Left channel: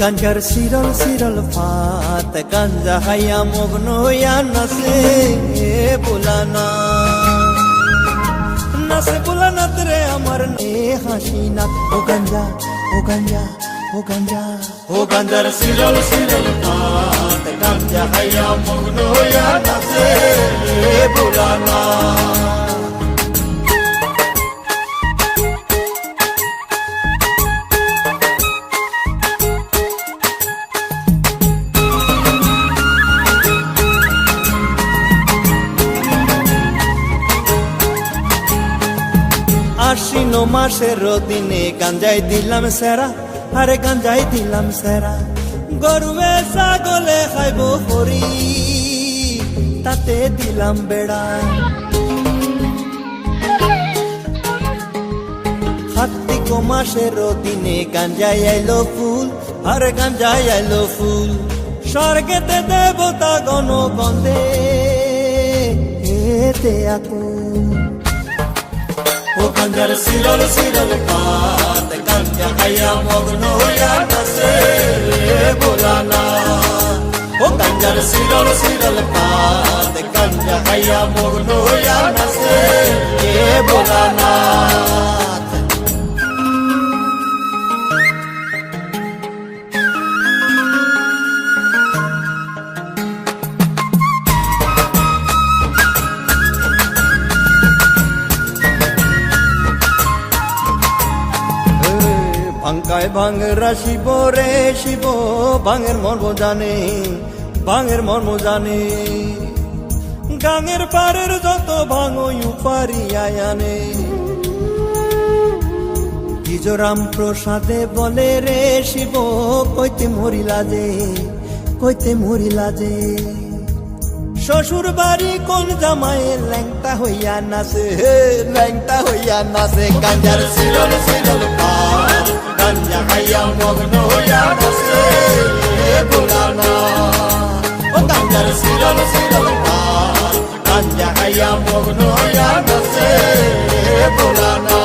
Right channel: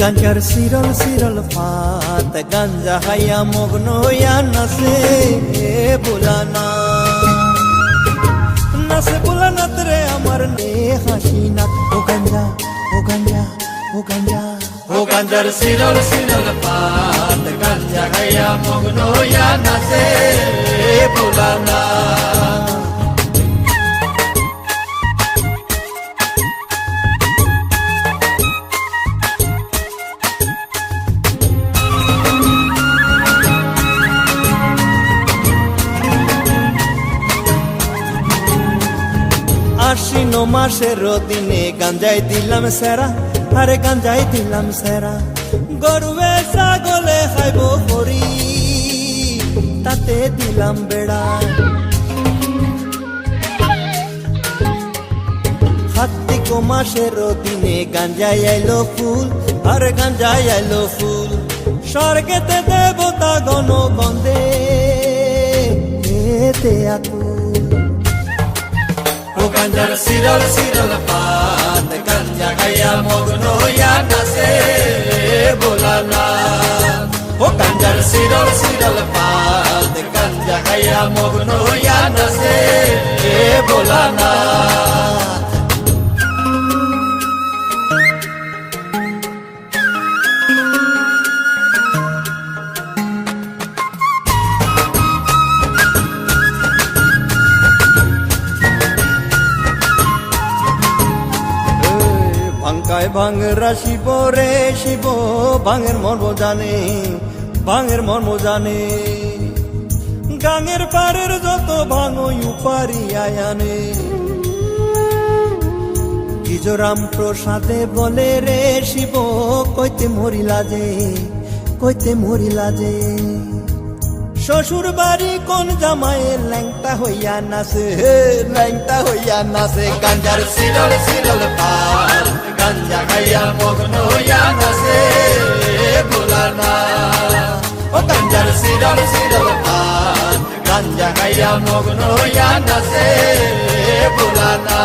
গাঞ্জার সিরল সিরল ফাত, গাঞ্জা হাইয়া মগ্ন হইয়া নাচে বুলানা। নাচে বুলানাত রে আমার নে হাসি নাক ও গাঞ্জা ও গাঞ্জা ও গাঞ্জা। ও গাঞ্জার সিরল সিরল ফাত, গাঞ্জা হাইয়া মগ্ন হইয়া নাচে বুলানা। আশ্বিন মাসের দিনে গাঞ্জাই দিলাম সেরা, আরে গাঞ্জাই দিলাম সেরা। গরুয়ে ছাগলে খাইব হরি, তাতে দিলাম বেড়া। কার্তিক মাসের দিনে গাঞ্জাই আইলো ফুল, আর গাঞ্জাই আইলো ফুল। স্বর্গেতে দেবতা গণ বন্দে এতে আকুল। ও গাঞ্জার সিরল সিরল পাত, গাঞ্জা খাইয়া মগ্ন হইয়া নাচে বোলানা। ও গাঞ্জার সিরল সিরল পাত, গাঞ্জা খাইয়া মগ্ন হইয়া নাচে এ বোলানা। ভাঙ্কায় ভাঙরা শিব রে শিব, ভাঙের মর্ম জানে, ভাঙের মর্ম জানে। গাঙের পারের যত ভাঙো উপারি আয়ানে। গিজরাম প্রসাদে বলে রে শিব, কইতে মরিলা যে, কইতে মরিলা যে। শ্বশুর বাড়ি কোন জামাইয়ের ল্যাংটা হইয়া নাচে ল্যাংটা হইয়া নাচে, গাঞ্জার সিরল সিরল পার গাঞ্জা খাইয়া মগ্ন হইয়া নাচে ভোলানা ও গাঞ্জার সিরল সিরল পার গাঞ্জা খাইয়া মগ্ন হইয়া নাচে ভোলানা